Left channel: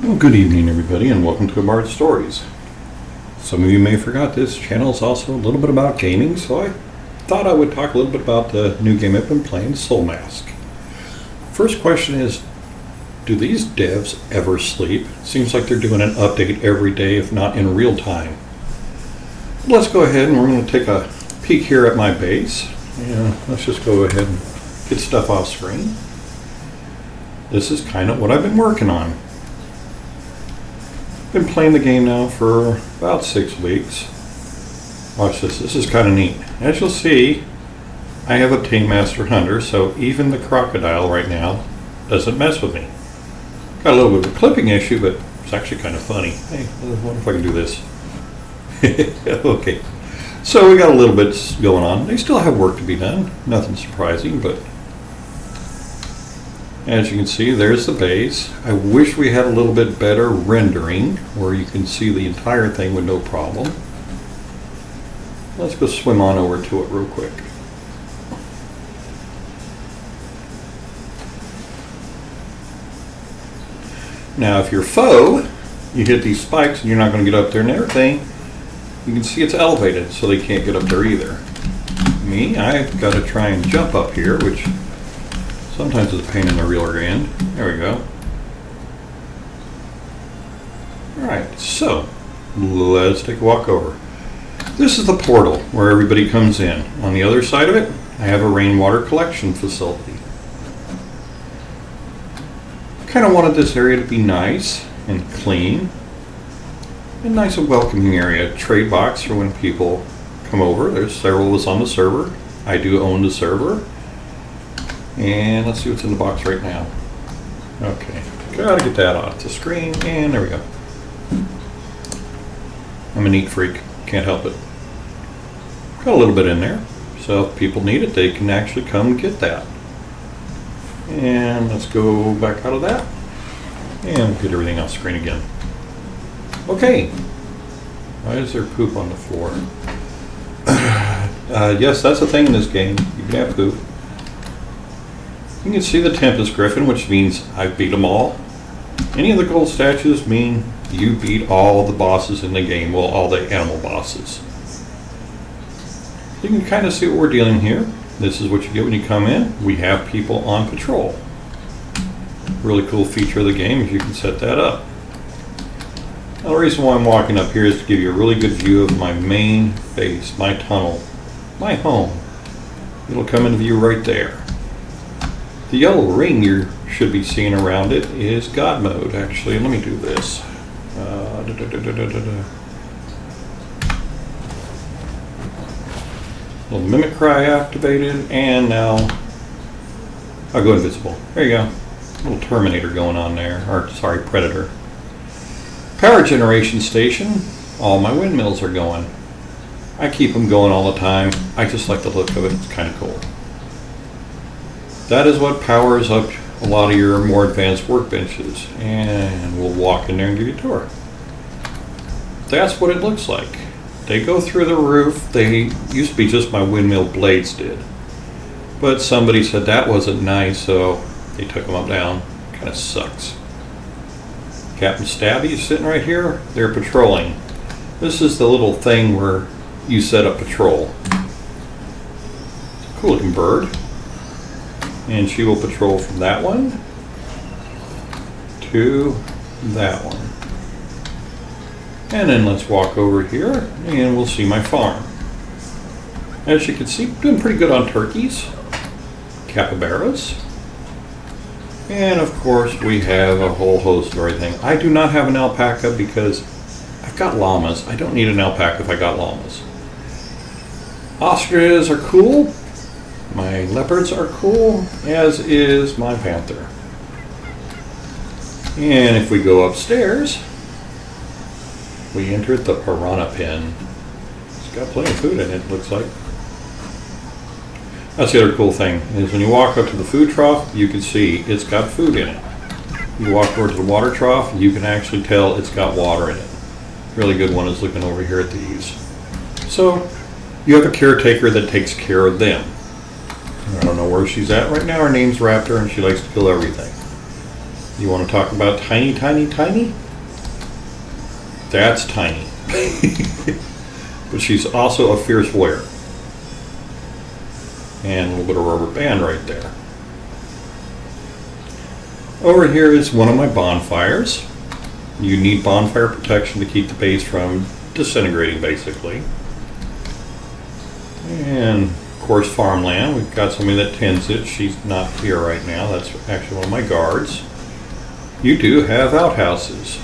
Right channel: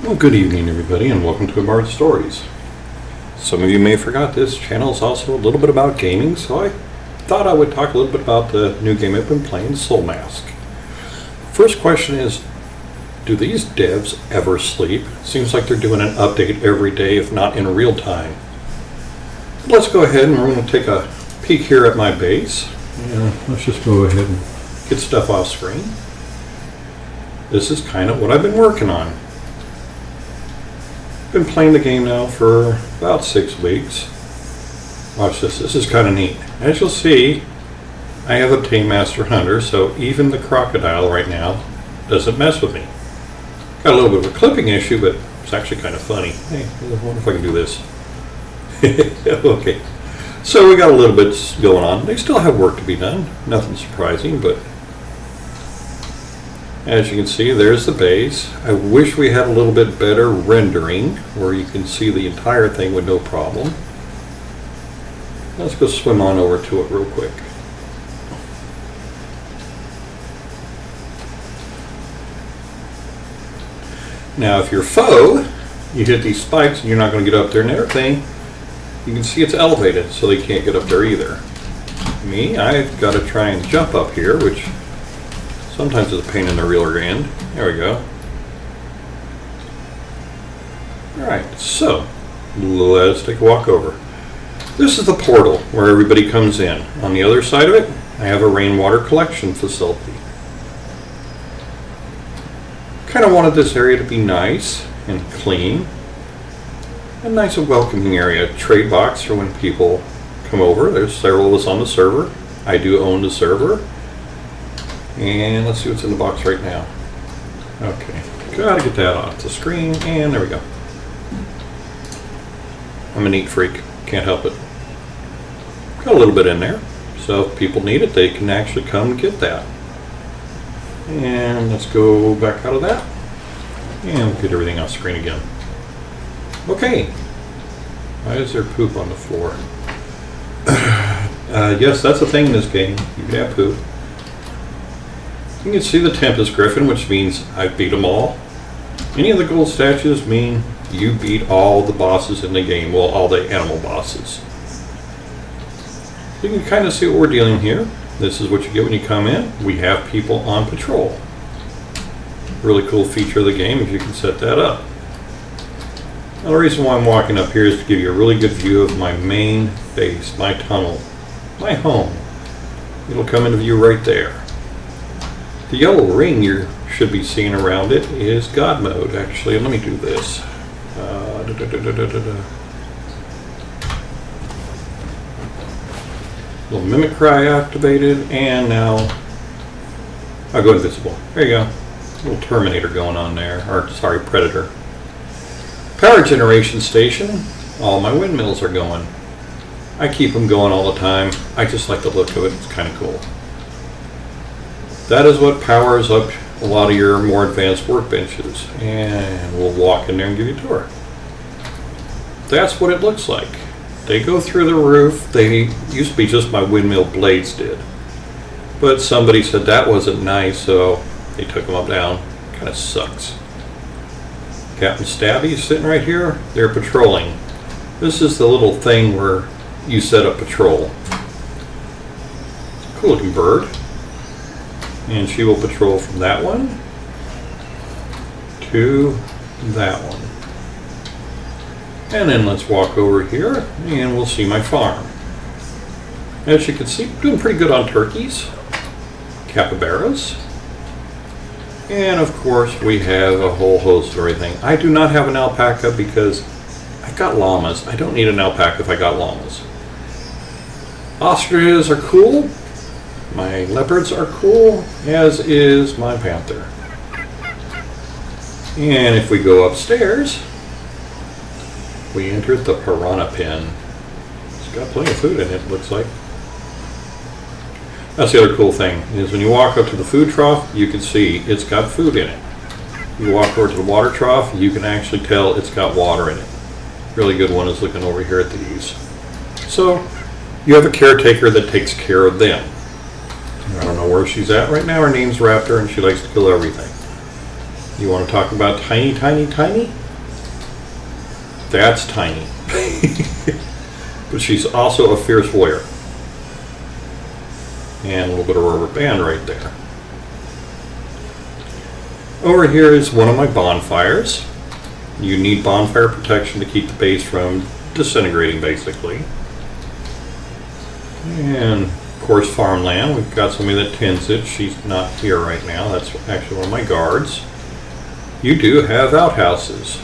Well, good evening, everybody, and welcome to Bard Stories. Some of you may have forgot this channel is also a little bit about gaming, so I thought I would talk a little bit about the new game I've been playing, Soulmask. First question is, do these devs ever sleep? Seems like they're doing an update every day, if not in real time. Let's go ahead and we're going to take a peek here at my base. Let's just go ahead and get stuff off screen. This is kind of what I've been working on. Been playing the game now for about 6 weeks. Watch this. This is kind of neat. As you'll see, I have obtained Master Hunter, so even the crocodile right now doesn't mess with me. Got a little bit of a clipping issue, but it's actually kind of funny. Hey, I wonder if I can do this. Okay. So we got a little bit going on. They still have work to be done. Nothing surprising, but as you can see, there's the base. I wish we had a little bit better rendering where you can see the entire thing with no problem. Let's go swim on over to it real quick. Now if you're foe, you hit these spikes and you're not going to get up there and everything, you can see it's elevated so they can't get up there either. Me, I've got to try and jump up here, which sometimes it's a pain in the rear end. There we go. Alright, so let's take a walk over. This is the portal where everybody comes in. On the other side of it, I have a rainwater collection facility. Kind of wanted this area to be nice and clean. A nice and welcoming area. Trade box for when people come over. There's several of us on the server. I do own the server. And let's see what's in the box right now. Okay, gotta get that off the screen, and there we go. I'm a neat freak, can't help it. Got a little bit in there, so if people need it, they can actually come get that. And let's go back out of that, and we'll get everything off screen again. Okay, why is there poop on the floor? Yes, that's the thing in this game, you can have poop. You can see the Tempest Griffin, which means I've beat them all. Any of the gold statues mean you beat all the bosses in the game, well, all the animal bosses. You can kind of see what we're dealing here. This is what you get when you come in. We have people on patrol. Really cool feature of the game is you can set that up. Now the reason why I'm walking up here is to give you a really good view of my main base, my tunnel, my home. It'll come into view right there. The yellow ring you should be seeing around it is God mode. Actually, let me do this. Little mimicry activated, and now I'll go invisible. There you go. Little Terminator going on there, or sorry, Predator. Power generation station. All my windmills are going. I keep them going all the time. I just like the look of it. It's kind of cool. That is what powers up a lot of your more advanced workbenches. And we'll walk in there and give you a tour. That's what it looks like. They go through the roof. They used to be just my windmill blades did. But somebody said that wasn't nice, so they took them up down. Kind of sucks. Captain Stabby is sitting right here. They're patrolling. This is the little thing where you set up patrol. Cool looking bird. And she will patrol from that one to that one. And then let's walk over here and we'll see my farm. As you can see, doing pretty good on turkeys, capybaras, and of course we have a whole host of everything. I do not have an alpaca because I've got llamas. I don't need an alpaca if I got llamas. Ostriches are cool. My leopards are cool, as is my panther. And if we go upstairs, we entered the piranha pen. It's got plenty of food in it, looks like. That's the other cool thing, is when you walk up to the food trough, you can see it's got food in it. You walk over to the water trough, you can actually tell it's got water in it. Really good one is looking over here at these. So, you have a caretaker that takes care of them. I don't know where she's at right now. Her name's Raptor and she likes to kill everything. You want to talk about tiny, tiny, tiny? That's tiny. But she's also a fierce warrior. And a little bit of rubber band right there. Over here is one of my bonfires. You need bonfire protection to keep the base from disintegrating, basically. And of course, farmland. We've got somebody that tends it. She's not here right now. That's actually one of my guards. You do have outhouses.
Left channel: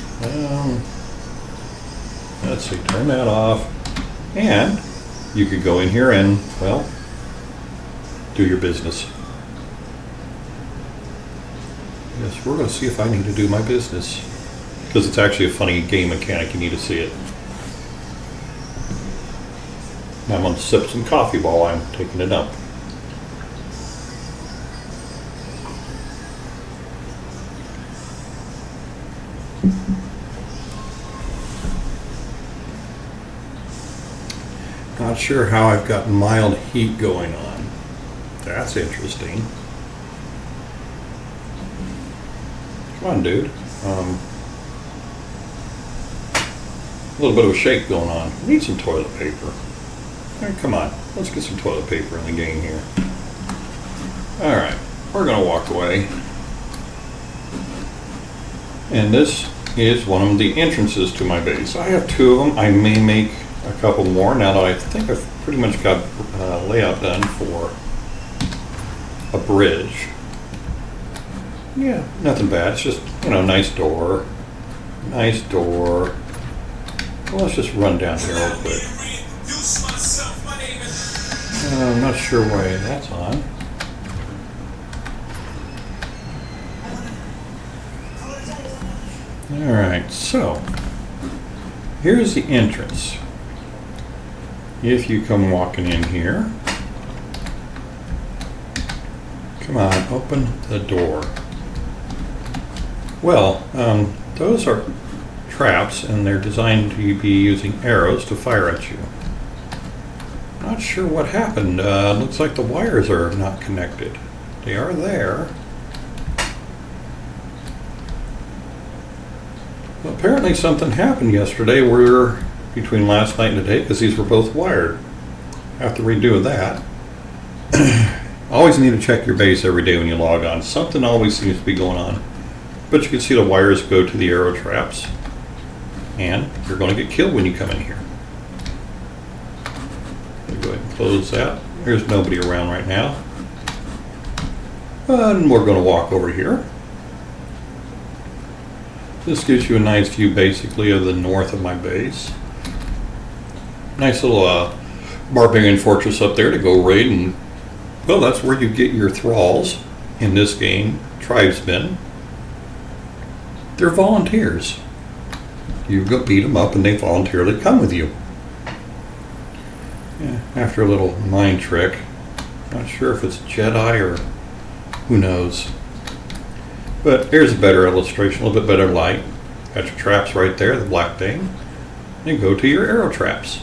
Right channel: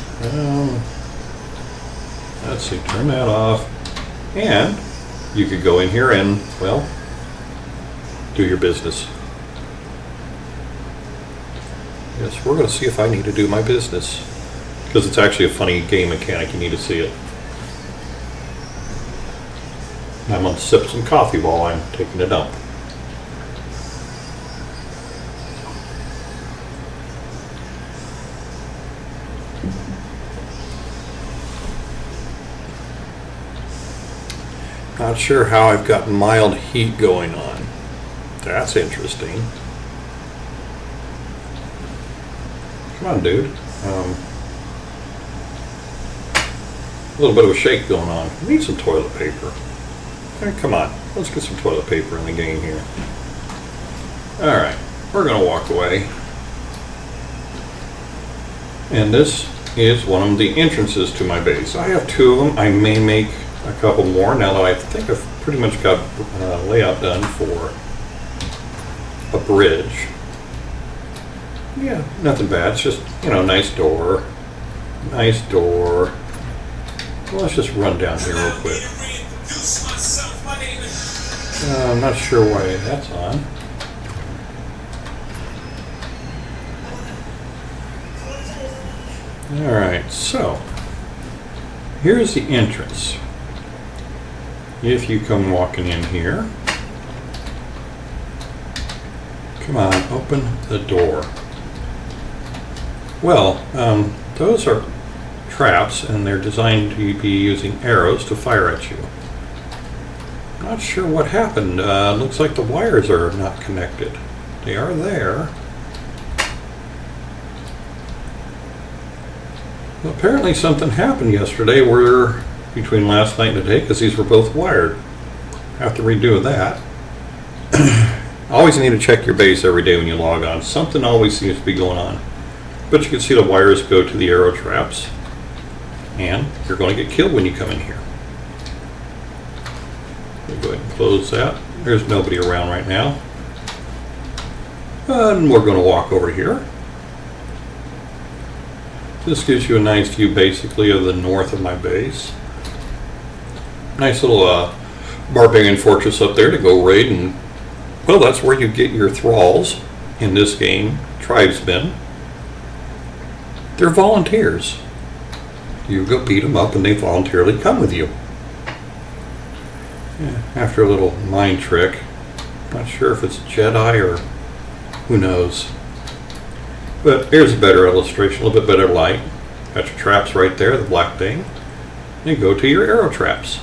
Let's see, turn that off. And you could go in here and, well, do your business. Yes, we're going to see if I need to do my business. Because it's actually a funny game mechanic, you need to see it. I'm going to sip some coffee while I'm taking a dump. Not sure how I've got mild heat going on. That's interesting. Come on, dude. A little bit of a shake going on. I need some toilet paper. Hey, come on, let's get some toilet paper in the game here. Alright, we're going to walk away. And this is one of the entrances to my base. I have two of them. I may make a couple more now that I think I've pretty much got layout done for a bridge. Yeah, nothing bad. It's just, you know, nice door. Nice door. Well, let's just run down here real quick. I'm not sure why that's on. Alright, so here's the entrance. If you come walking in here, come on, open the door. Well, those are traps, and they're designed to be using arrows to fire at you. Not sure what happened. Looks like the wires are not connected. They are there. Well, apparently something happened yesterday where between last night and today, because these were both wired. Have to redo that. Always need to check your base every day when you log on. Something always seems to be going on. But you can see the wires go to the arrow traps. And you're going to get killed when you come in here. Go ahead and close that. There's nobody around right now. And we're going to walk over here. This gives you a nice view basically of the north of my base. Nice little barbarian fortress up there to go raid, and well, that's where you get your thralls in this game, tribesmen. They're volunteers. You go beat them up and they voluntarily come with you. Yeah, after a little mind trick. Not sure if it's Jedi or who knows. But here's a better illustration, a little bit better light. Got your traps right there, the black thing. And go to your arrow traps.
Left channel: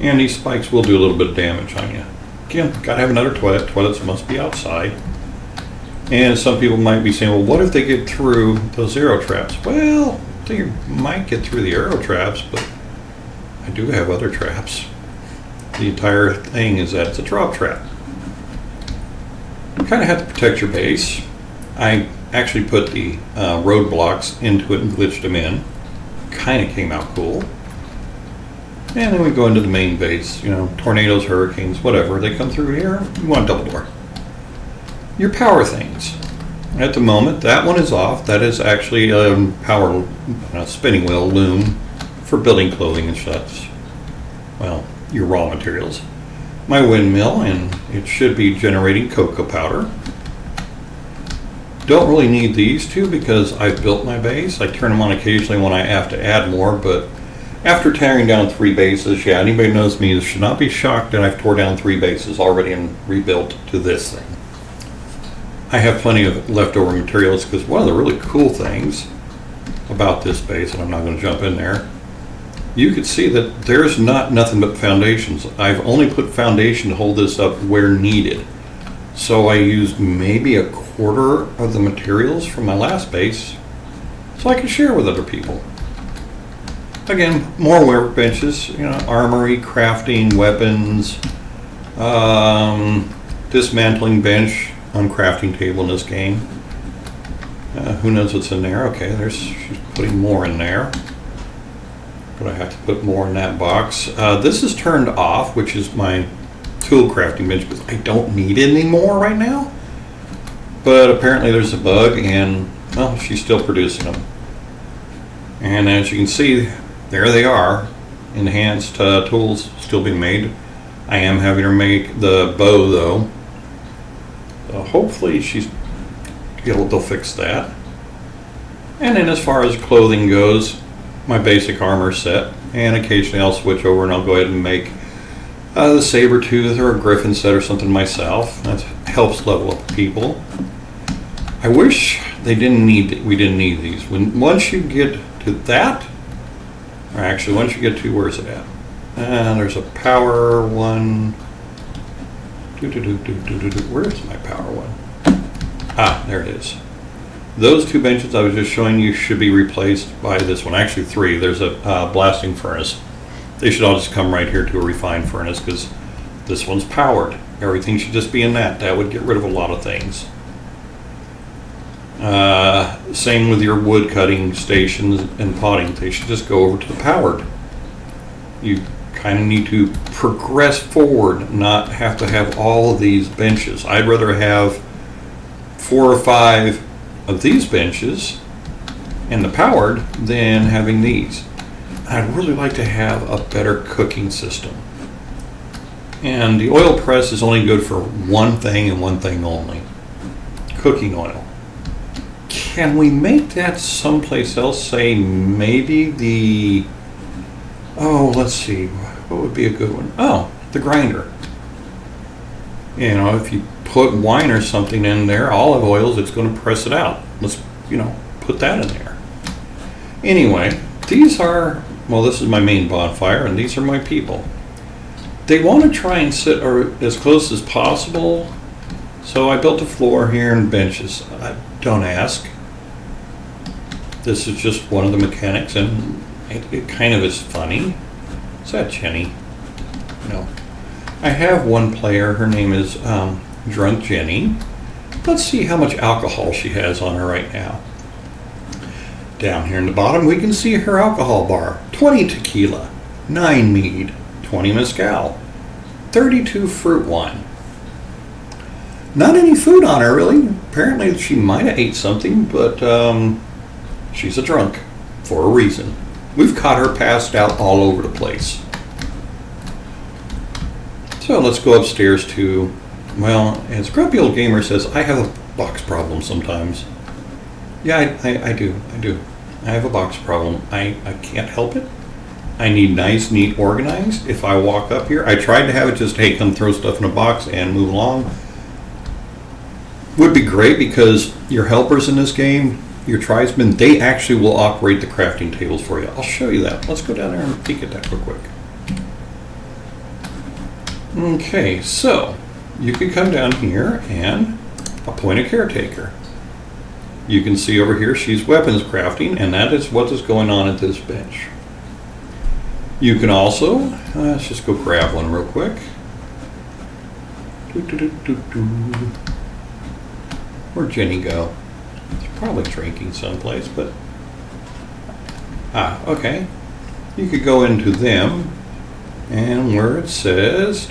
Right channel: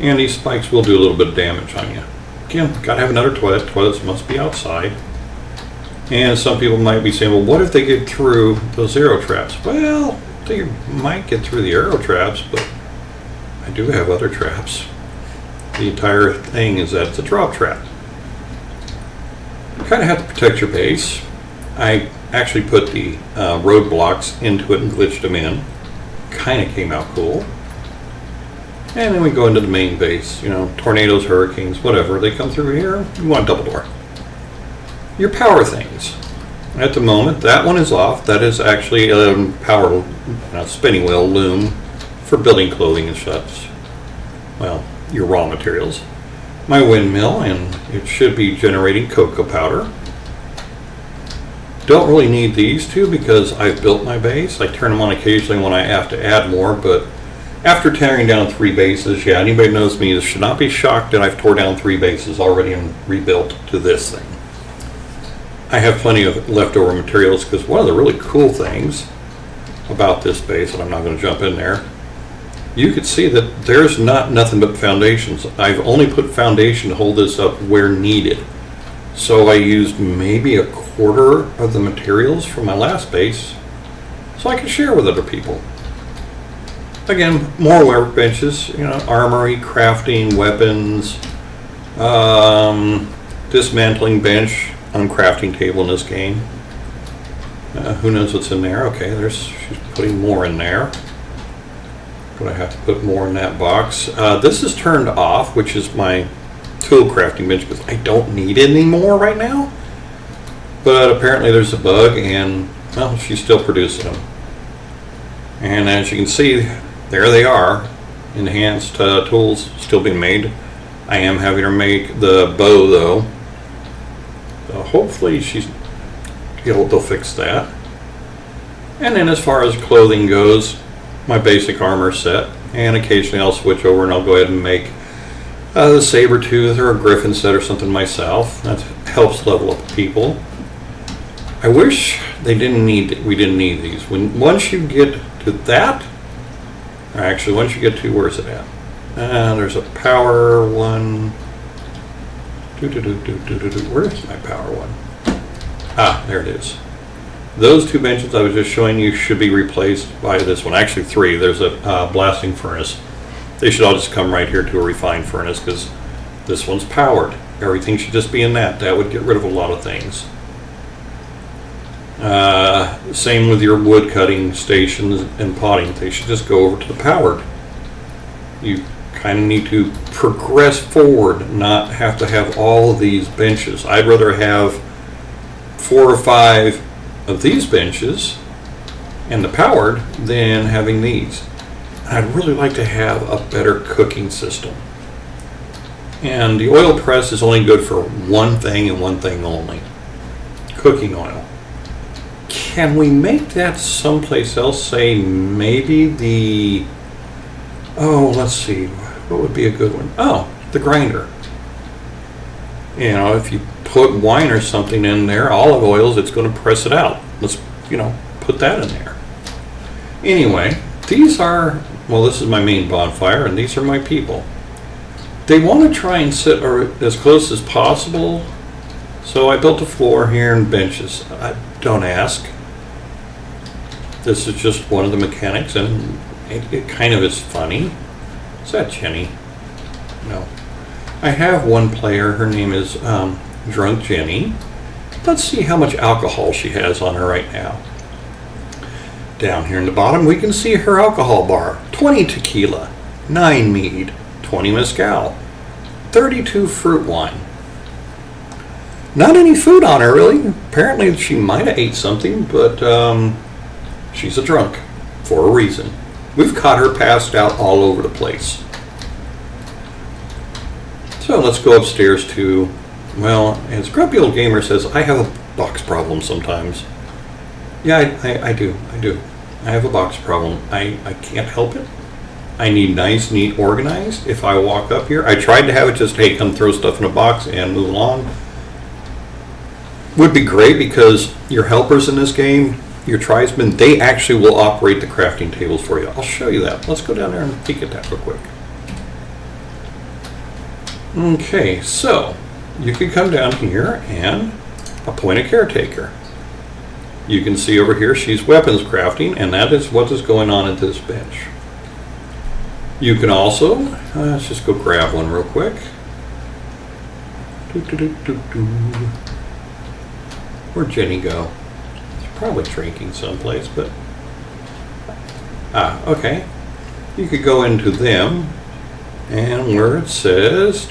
And these spikes will do a little bit of damage on you. Again, gotta have another toilet. Toilets must be outside. And some people might be saying, well, what if they get through those arrow traps? Well, they might get through the arrow traps, but I do have other traps. The entire thing is that it's a drop trap. You kind of have to protect your base. I actually put the roadblocks into it and glitched them in. Kind of came out cool. And then we go into the main base. You know, tornadoes, hurricanes, whatever. They come through here, you want double door. Your power things. At the moment, that one is off. That is actually a power spinning wheel loom for building clothing and such. Well, your raw materials. My windmill, and it should be generating cocoa powder. Don't really need these two because I've built my base. I turn them on occasionally when I have to add more, but after tearing down 3 bases, yeah, anybody who knows me should not be shocked that I've tore down 3 bases already and rebuilt to this thing. I have plenty of leftover materials because one of the really cool things about this base, and I'm not going to jump in there, you could see that there's nothing but foundations. I've only put foundation to hold this up where needed. So I used maybe a quarter of the materials from my last base so I can share with other people. Again, more workbenches, you know, armory, crafting, weapons, dismantling bench on crafting table in this game. Who knows what's in there? Okay, she's putting more in there. But I have to put more in that box. This is turned off, which is my tool crafting bench, because I don't need it anymore right now. But apparently there's a bug, and well, she's still producing them. And as you can see, there they are. Enhanced tools still being made. I am having her make the bow though. So hopefully they'll fix that. And then as far as clothing goes, my basic armor set, and occasionally I'll switch over and I'll go ahead and make the saber tooth or a griffin set or something myself. That helps level up people. I wish we didn't need these. Once you get to that, or actually once you get to, where's it at? There's a power one. Where's my power one? Ah, there it is. Those two benches I was just showing you should be replaced by this one. Actually, three. There's a blasting furnace. They should all just come right here to a refined furnace because this one's powered. Everything should just be in that. That would get rid of a lot of things. Same with your wood cutting stations and potting. They should just go over to the powered. You kind of need to progress forward, not have to have all of these benches. I'd rather have 4 or 5 of these benches and the powered than having these. I'd really like to have a better cooking system. And the oil press is only good for one thing and one thing only: cooking oil. Can we make that someplace else? Say maybe the, let's see, what would be a good one? Oh, the grinder. You know, if you put wine or something in there, olive oils, it's going to press it out. Let's, put that in there. Anyway, these are, this is my main bonfire, and these are my people. They want to try and sit as close as possible, so I built a floor here and benches. Don't ask. This is just one of the mechanics, and it kind of is funny. Is that Jenny? No. I have one player, her name is Drunk Jenny. Let's see how much alcohol she has on her right now. Down here in the bottom we can see her alcohol bar: 20 tequila, 9 mead, 20 mezcal, 32 fruit wine. Not any food on her really. Apparently she might have ate something, but she's a drunk for a reason. We've caught her passed out all over the place. So let's go upstairs to, as Grumpy Old Gamer says, I have a box problem sometimes. Yeah, I do. I have a box problem. I can't help it. I need nice, neat, organized. If I walk up here, I tried to have it just, hey, come throw stuff in a box and move along. Would be great because your helpers in this game, your tribesmen, they actually will operate the crafting tables for you. I'll show you that. Let's go down there and peek at that real quick. Okay, so you can come down here and appoint a caretaker. You can see over here she's weapons crafting, and that is what is going on at this bench. You can also, let's just go grab one real quick. Where'd Jenny go? She's probably drinking someplace, but... okay. You could go into them, and where it says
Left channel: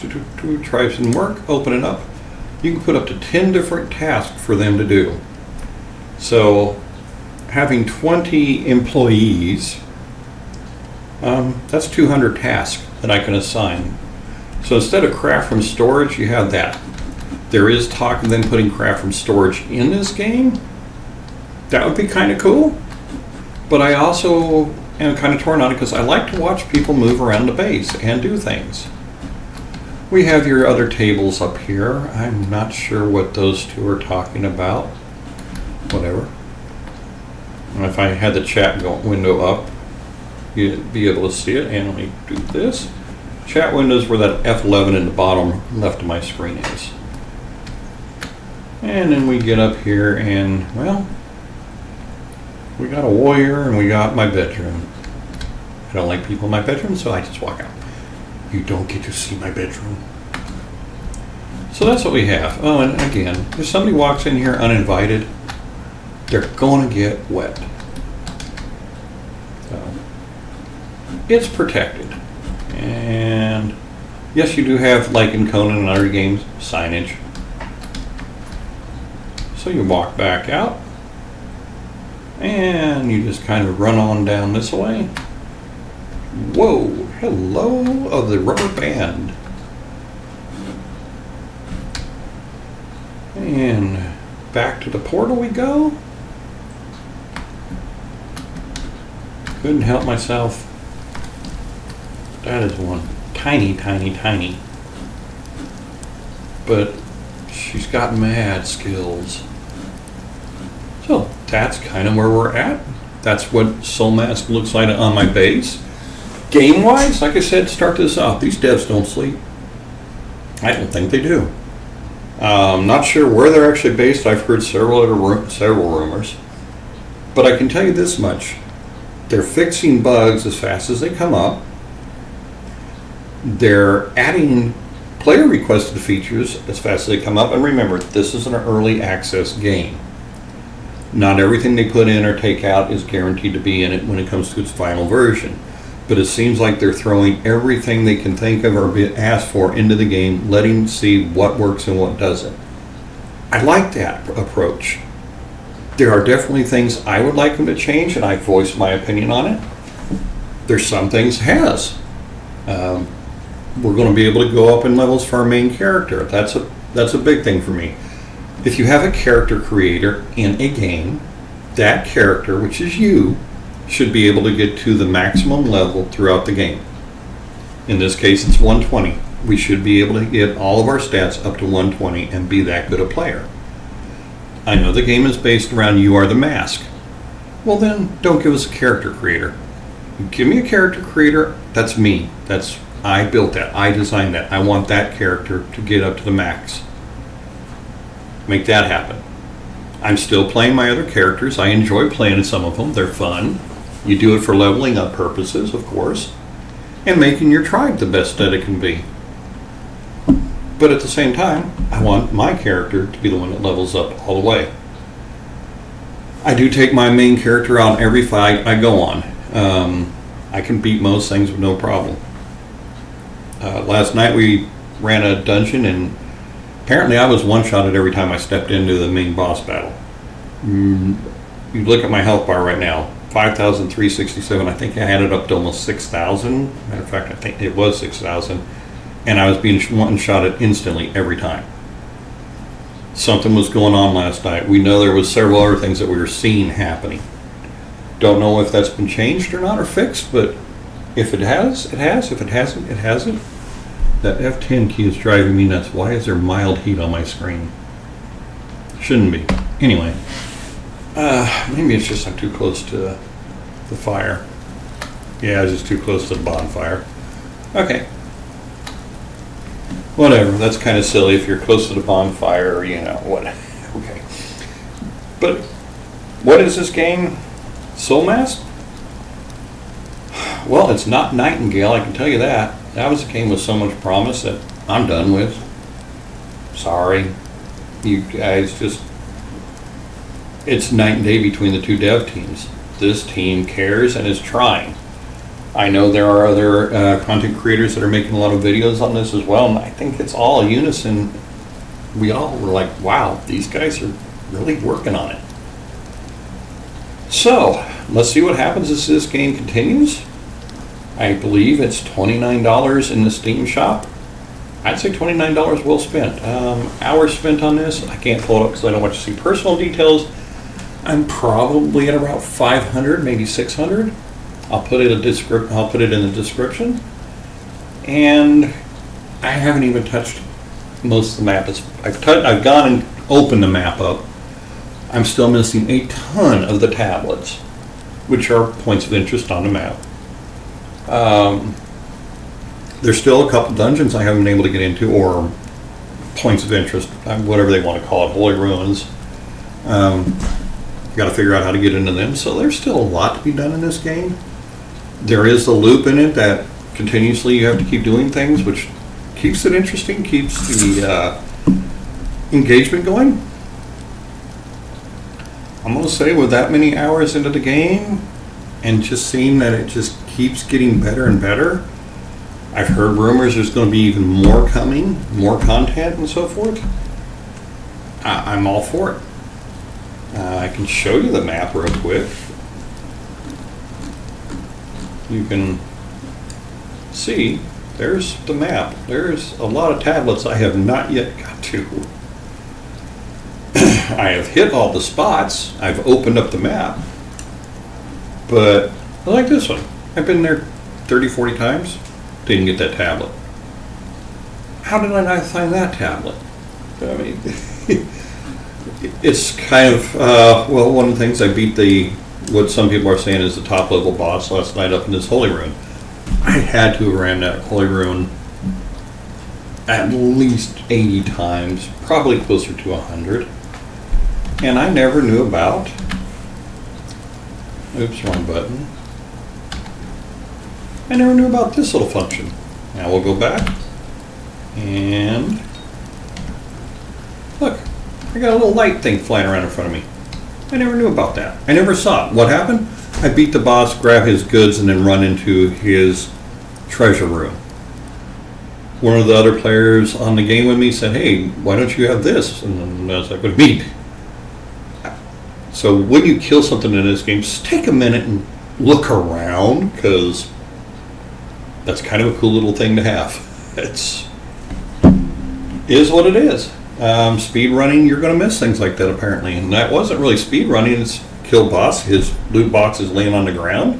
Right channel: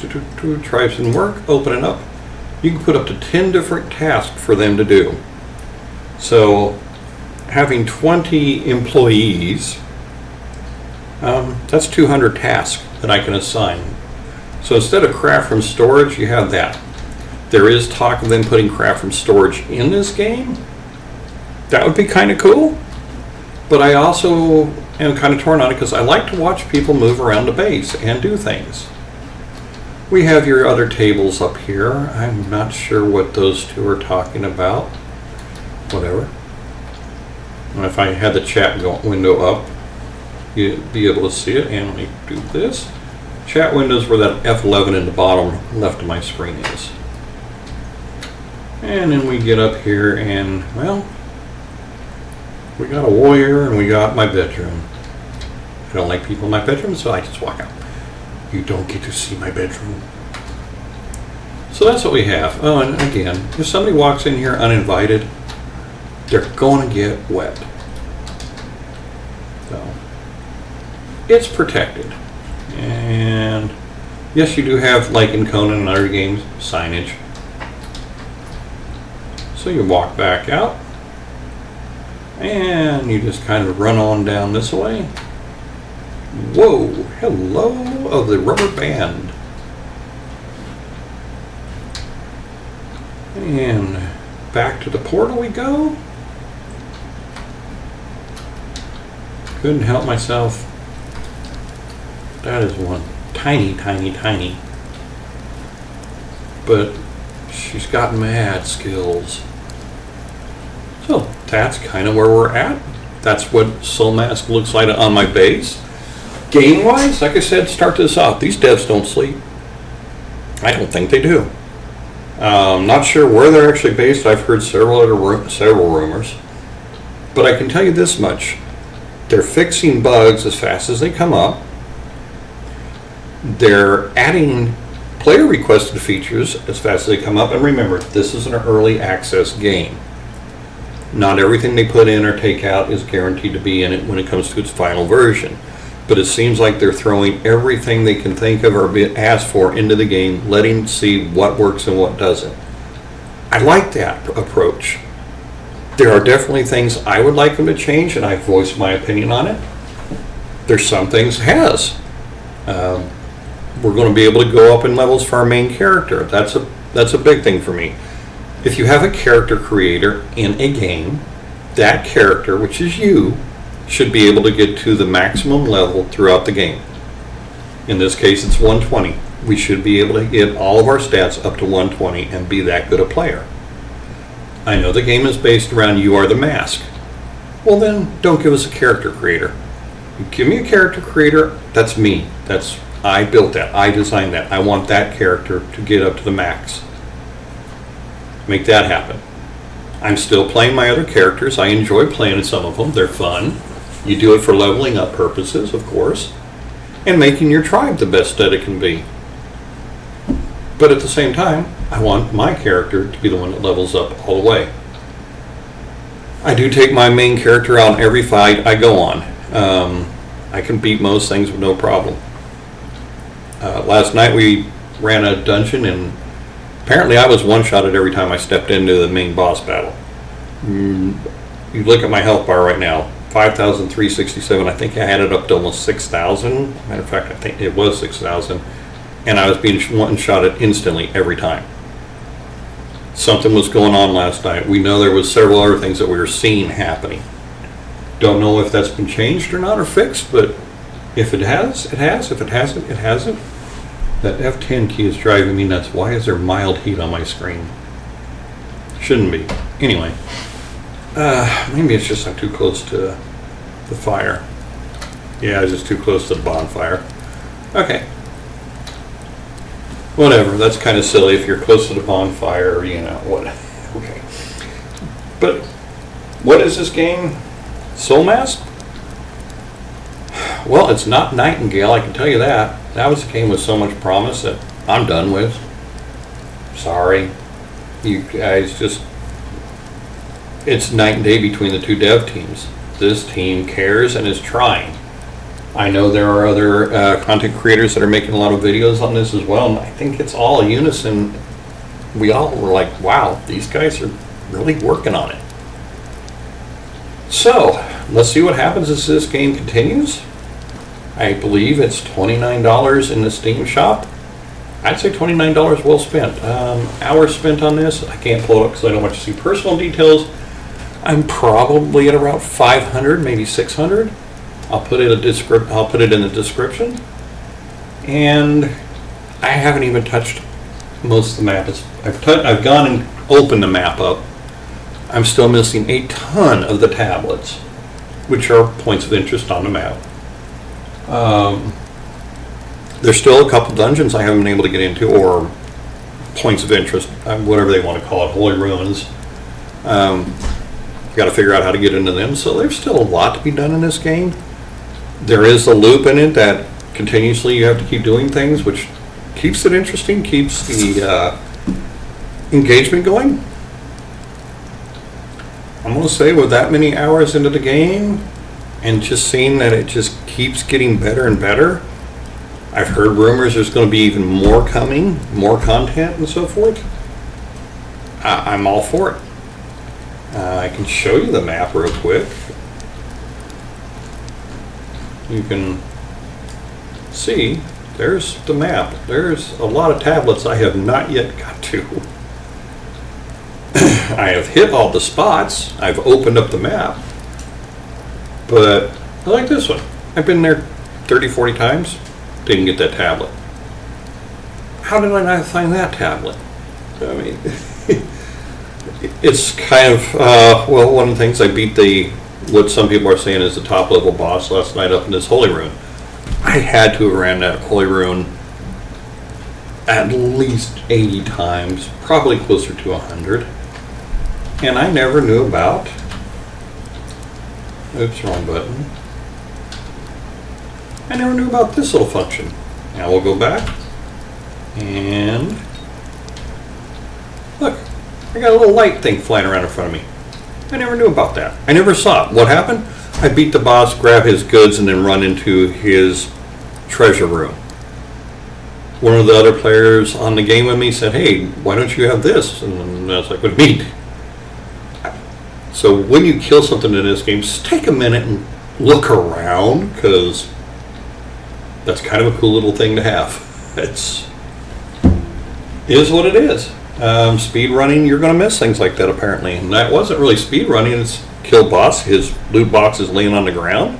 tribes and work, open it up. You can put up to 10 different tasks for them to do. So having 20 employees, that's 200 tasks that I can assign. So instead of craft from storage, you have that. There is talk of them putting craft from storage in this game. That would be kind of cool. But I also am kind of torn on it because I like to watch people move around the base and do things. We have your other tables up here. I'm not sure what those two are talking about. Whatever. And if I had the chat window up, you'd be able to see it. And let me do this. Chat windows where that F11 in the bottom left of my screen is. And then we get up here and, well, we got a warrior and we got my bedroom. I don't like people in my bedroom, so I just walk out. You don't get to see my bedroom. So that's what we have. Oh, and again, if somebody walks in here uninvited, they're going to get wet. So it's protected. And yes, you do have, like in Conan and other games, signage. So you walk back out and you just kind of run on down this way. Whoa, hello of the rubber band. And back to the portal we go. Couldn't help myself. That is one tiny, tiny, tiny. But she's got mad skills. So that's kind of where we're at. That's what Soulmask looks like on my base. Game-wise, like I said, start this off. These devs don't sleep. I don't think they do. Not sure where they're actually based. I've heard several rumors. But I can tell you this much. They're fixing bugs as fast as they come up. They're adding player requested features as fast as they come up. And remember, this is an early access game. Not everything they put in or take out is guaranteed to be in it when it comes to its final version. But it seems like they're throwing everything they can think of or be asked for into the game, letting see what works and what doesn't. I like that approach. There are definitely things I would like them to change, and I voiced my opinion on it. There's some things has. We're going to be able to go up in levels for our main character. That's a big thing for me. If you have a character creator in a game, that character, which is you, should be able to get to the maximum level throughout the game. In this case, it's 120. We should be able to get all of our stats up to 120 and be that good a player. I know the game is based around you are the mask. Well then, don't give us a character creator. You give me a character creator, that's me. I built that. I designed that. I want that character to get up to the max. Make that happen. I'm still playing my other characters. I enjoy playing some of them. They're fun. You do it for leveling up purposes, of course, and making your tribe the best that it can be. But at the same time, I want my character to be the one that levels up all the way. I do take my main character out in every fight I go on. I can beat most things with no problem. Last night we ran a dungeon and apparently I was one-shotted every time I stepped into the main boss battle. You look at my health bar right now, 5,367. I think I had it up to almost 6,000. Matter of fact, I think it was 6,000. And I was being one-shotted instantly every time. Something was going on last night. We know there was several other things that we were seeing happening. Don't know if that's been changed or not or fixed, but if it has, it has. If it hasn't, it hasn't. That F10 key is driving me nuts. Why is there mild heat on my screen? Shouldn't be. Anyway, maybe it's just I'm too close to the fire. Yeah, I was just too close to the bonfire. Okay. Whatever, that's kind of silly if you're close to the bonfire, you know, what. Okay. But what is this game? Soulmask? Well, it's not Nightingale, I can tell you that. That was a game with so much promise that I'm done with. Sorry. You guys just... It's night and day between the two dev teams. This team cares and is trying. I know there are other content creators that are making a lot of videos on this as well, and I think it's all unison. We all were like, wow, these guys are really working on it. So, let's see what happens as this game continues. I believe it's $29 in the Steam shop. I'd say $29 well spent. Hours spent on this. I can't pull it up because I don't want to see personal details. I'm probably at around 500, maybe 600. I'll put it in the description. And I haven't even touched most of the map. I've gone and opened the map up. I'm still missing a ton of the tablets, which are points of interest on the map. There's still a couple dungeons I haven't been able to get into or points of interest, whatever they want to call it, holy ruins. Got to figure out how to get into them. So there's still a lot to be done in this game. There is a loop in it that continuously you have to keep doing things, which keeps it interesting, keeps the engagement going. I'm going to say with that many hours into the game and just seeing that it just keeps getting better and better, I've heard rumors there's going to be even more coming, more content and so forth. I'm all for it. I can show you the map real quick. You can see there's the map. There's a lot of tablets I have not yet got to. I have hit all the spots. I've opened up the map. But I like this one. I've been there 30, 40 times. Didn't get that tablet. How did I not find that tablet? I mean, it's kind of, well, one of the things I beat what some people are saying is the top level boss last night up in this holy rune. I had to have ran that holy rune at least 80 times, probably closer to 100. And I never knew about, oops, wrong button. I never knew about this little function. Now we'll go back and look, I got a little light thing flying around in front of me. I never knew about that. I never saw it. What happened? I beat the boss, grab his goods, and then run into his treasure room. One of the other players on the game with me said, hey, why don't you have this? And I was like, what do you mean? So when you kill something in this game, just take a minute and look around, because that's kind of a cool little thing to have. It is what it is. Speed running, you're going to miss things like that apparently. And that wasn't really speed running, it's kill boss, his loot box is laying on the ground,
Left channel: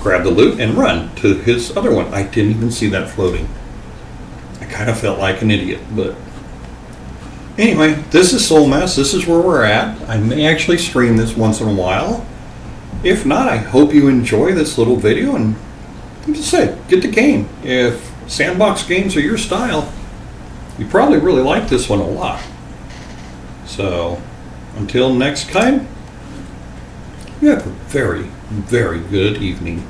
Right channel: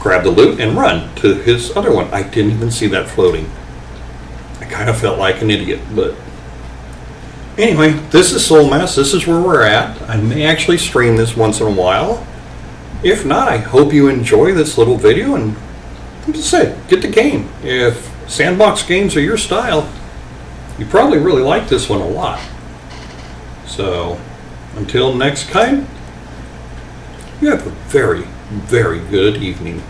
grab the loot and run to his other one. I didn't even see that floating. I kind of felt like an idiot, but anyway, this is Soulmask. This is where we're at. I may actually stream this once in a while. If not, I hope you enjoy this little video, and like I said, get the game. If sandbox games are your style, you probably really like this one a lot. So, until next time, you have a very, very good evening.